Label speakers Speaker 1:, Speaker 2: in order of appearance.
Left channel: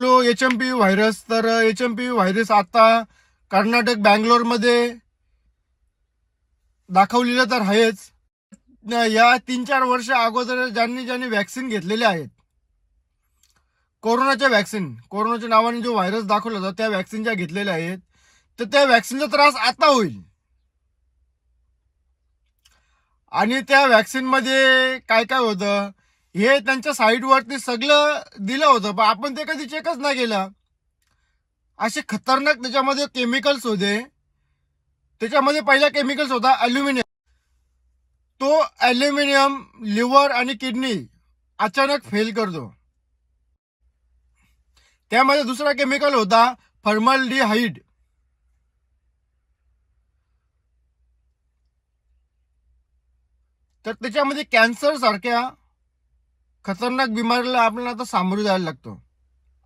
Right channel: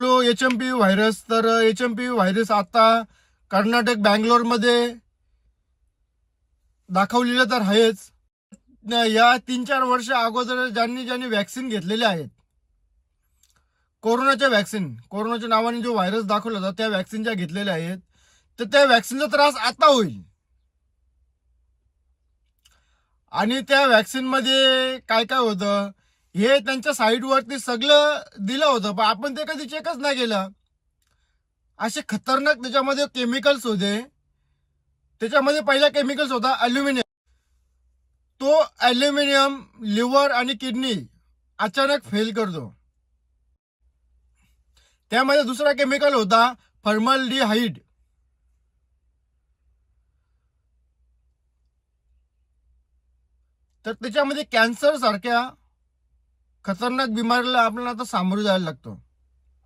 Speaker 1: H M P virus तर H M P virus आता कर्नाटक बँगलोरमध्ये दाखवलेलं तर आहेच. या तीन चार वर्ष अगोदर ज्यांनी ज्यांनी वॅक्सिन घेतलेले आहेत कोरोनाच्या वॅक्सिन कोरोनाच्या नावाने जो व्हायरस दाखवला होता त्या वॅक्सिन ज्या घेतलेल्या आहेत तर त्या वॅक्सिनचा त्रास आता होईल. आणि त्या वॅक्सिनमध्ये काय काय होतं? हे त्यांच्या साईडवरती सगळं दिलं होतं पण आपण ते कधी चेकच नाही केलं. असे खतरनाक त्याच्यामध्ये केमिकल्स होते. त्याच्यामध्ये पहिला केमिकल्स होता अल्युमिनियम तो अल्युमिनियम लिव्हर आणि किडनी अचानक फेल करतो. त्यामध्ये दुसरा केमिकल होता फॉर्मलडिहाइड तर त्याच्यामध्ये कॅन्सर सारख्या खतरनाक बिमारीला आपल्याला आता सामोरे जायला लागतो.